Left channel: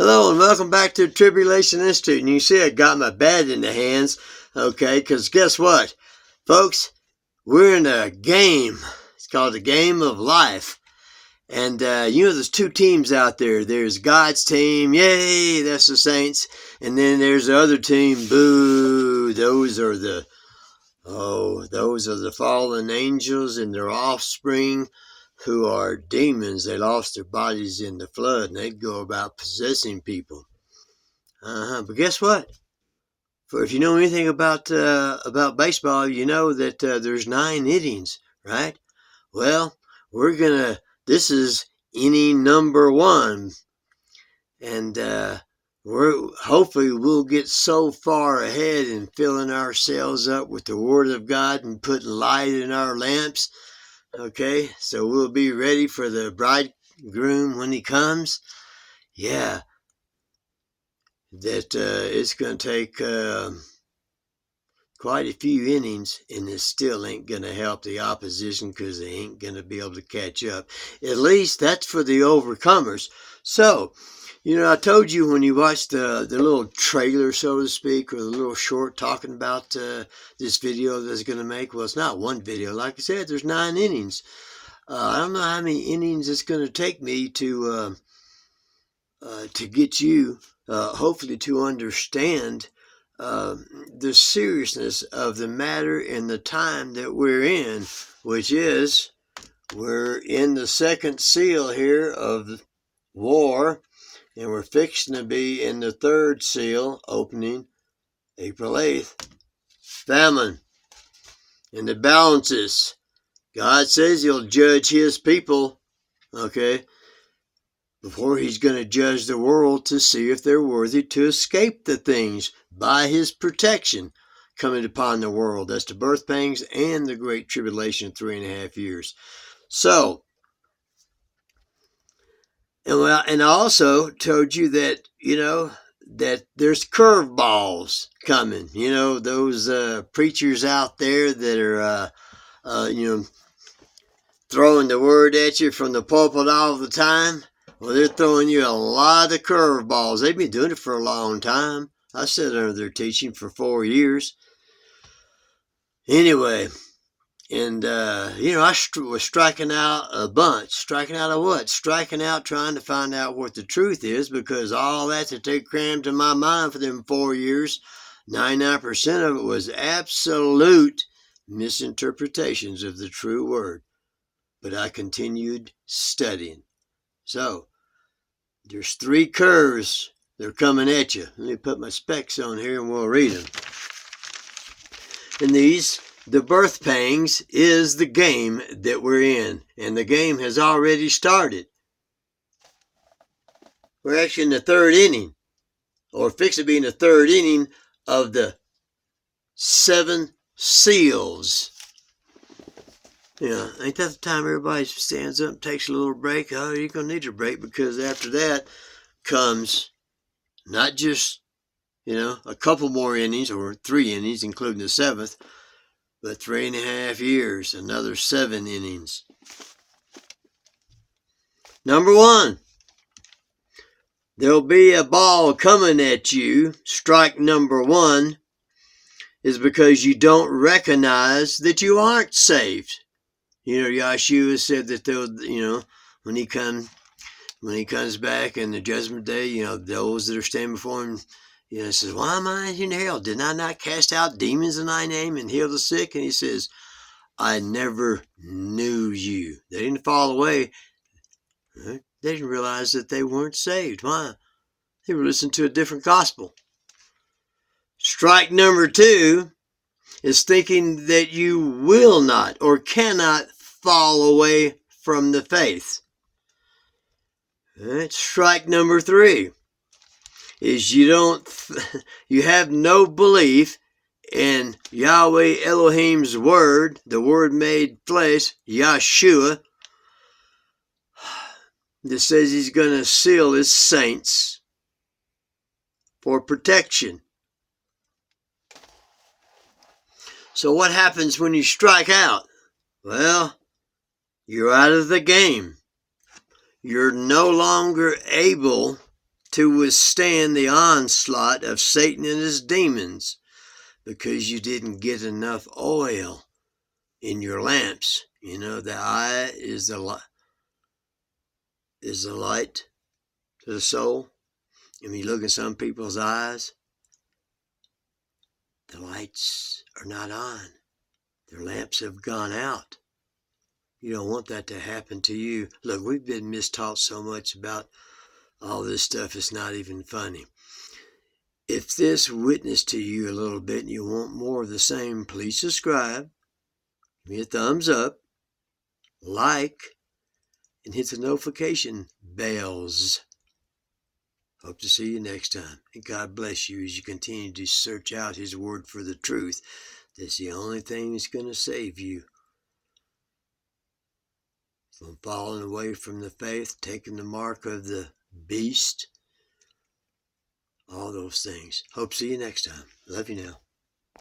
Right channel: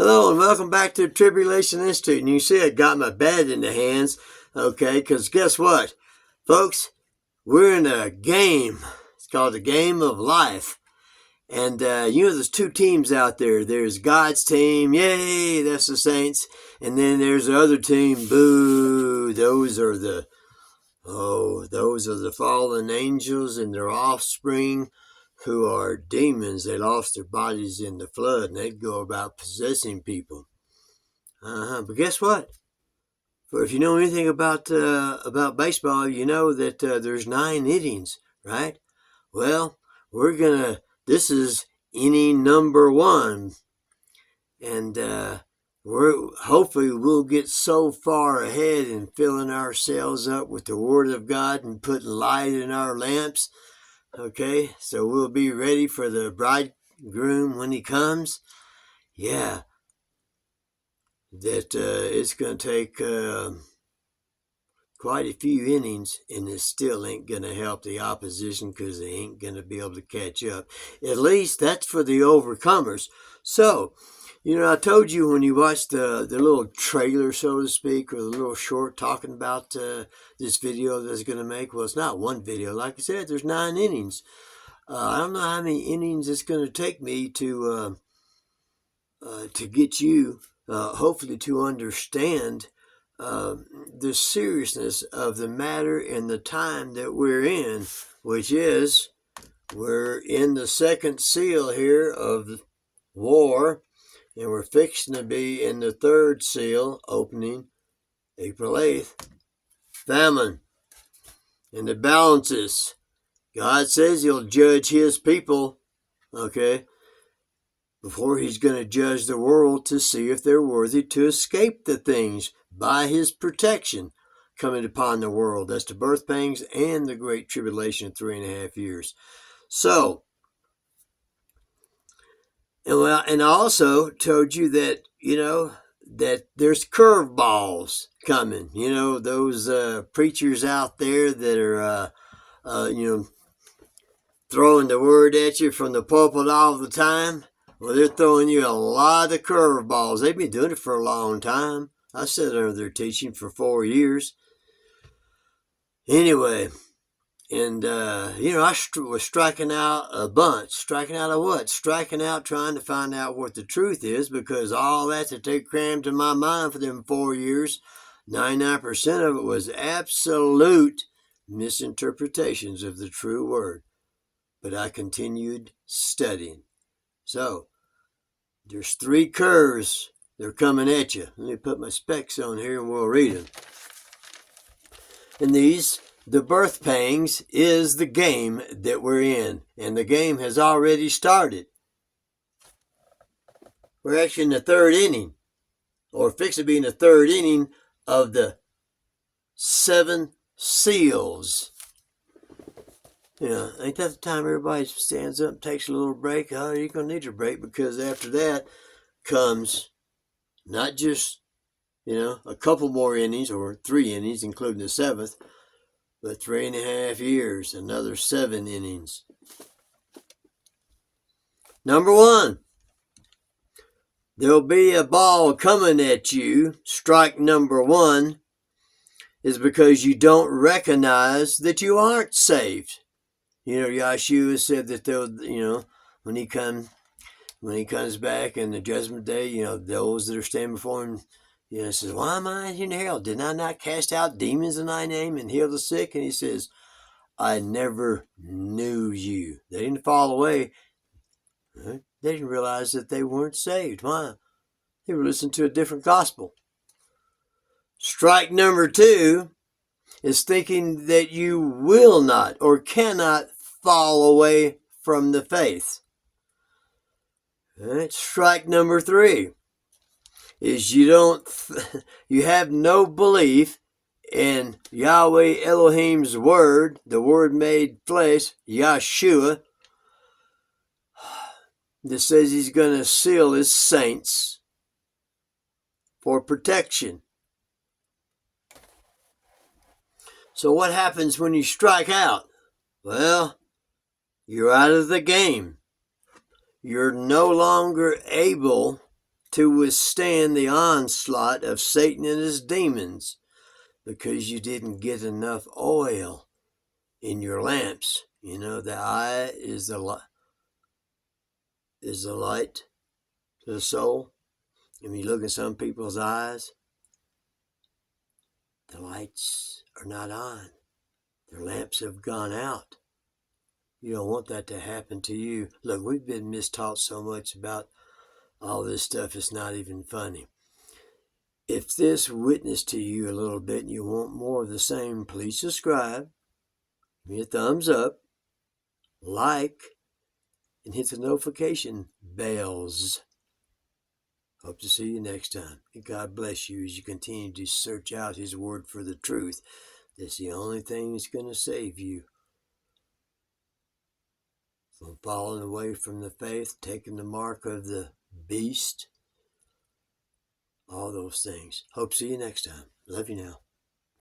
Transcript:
Hello and welcome back to the Tribulation Institute. And you see I got my bat in the hands, okay, because guess what? Folks, we're in a game. It's called the Game of Life. And, there's two teams out there. There's God's team, yay, that's the saints. And then there's the other team, boo, those are the fallen angels and their offspring, who are demons. They lost their bodies in the flood, and they go about possessing people. But guess what? If you know anything about baseball, you know that there's 9 innings, right? Well, this is inning number 1, and hopefully we'll get so far ahead in filling ourselves up with the Word of God and putting light in our lamps. Okay, so we'll be ready for the bridegroom when he comes. Yeah, that it's going to take quite a few innings, and it still ain't going to help the opposition because they ain't going to be able to catch up. At least that's for the overcomers. So, I told you when you watched the little trailer, so to speak, or the little short talking about this video that's going to make. Well, it's not one video. Like I said, there's 9 innings. I don't know how many innings it's going to take me to get you, hopefully, to understand the seriousness of the matter and the time that we're in, which is we're in the second seal here of war. And we're fixing to be in the third seal, opening April 8th. Famine. And the balances. God says he'll judge his people, okay, before he's going to judge the world to see if they're worthy to escape the things by his protection coming upon the world. That's the Birthpangs and the Great Tribulation, 3.5 years. So, and I also told you that, that there's curveballs coming. Those preachers out there that are, throwing the word at you from the pulpit all the time. Well, they're throwing you a lot of curveballs. They've been doing it for a long time. I sat under their teaching for 4 years. Anyway. And, I was striking out a bunch. Striking out of what? Striking out trying to find out what the truth is, because all that they crammed in my mind for them 4 years, 99% of it was absolute misinterpretations of the true word. But I continued studying. So, there's 3 curves. They're coming at you. Let me put my specs on here and we'll read them. And the birth pangs is the game that we're in, and the game has already started. We're actually in the 3rd inning, or fixing to be in the 3rd inning of the 7 seals. Ain't that the time everybody stands up and takes a little break? Oh, you're going to need your break, because after that comes not just, a couple more innings, or 3 innings, including the 7th, but 3.5 years, another 7 innings. Number 1, there'll be a ball coming at you. Strike number 1 is because you don't recognize that you aren't saved. Yahshua said that they'll, when he comes back in the judgment day, those that are standing before him, he says, why am I in hell? Did I not cast out demons in thy name and heal the sick? And he says, I never knew you. They didn't fall away. Right? They didn't realize that they weren't saved. Why? They were listening to a different gospel. Strike number 2 is thinking that you will not or cannot fall away from the faith. Right? Strike number 3 is you have no belief in Yahweh Elohim's word, the word made flesh, Yahshua, that says he's going to seal his saints for protection. So what happens when you strike out? Well, you're out of the game. You're no longer able to withstand the onslaught of Satan and his demons because you didn't get enough oil in your lamps. You know, the eye is the light to the soul. And when you look in some people's eyes, the lights are not on. Their lamps have gone out. You don't want that to happen to you. Look, we've been mistaught so much about all this stuff, it's not even funny. If this witnessed to you a little bit and you want more of the same, please subscribe, give me a thumbs up, like, and hit the notification bells. Hope to see you next time. And God bless you as you continue to search out His Word for the truth. That's the only thing that's going to save you from falling away from the faith, taking the mark of the beast, all those things. Hope to see you next time. Love you now.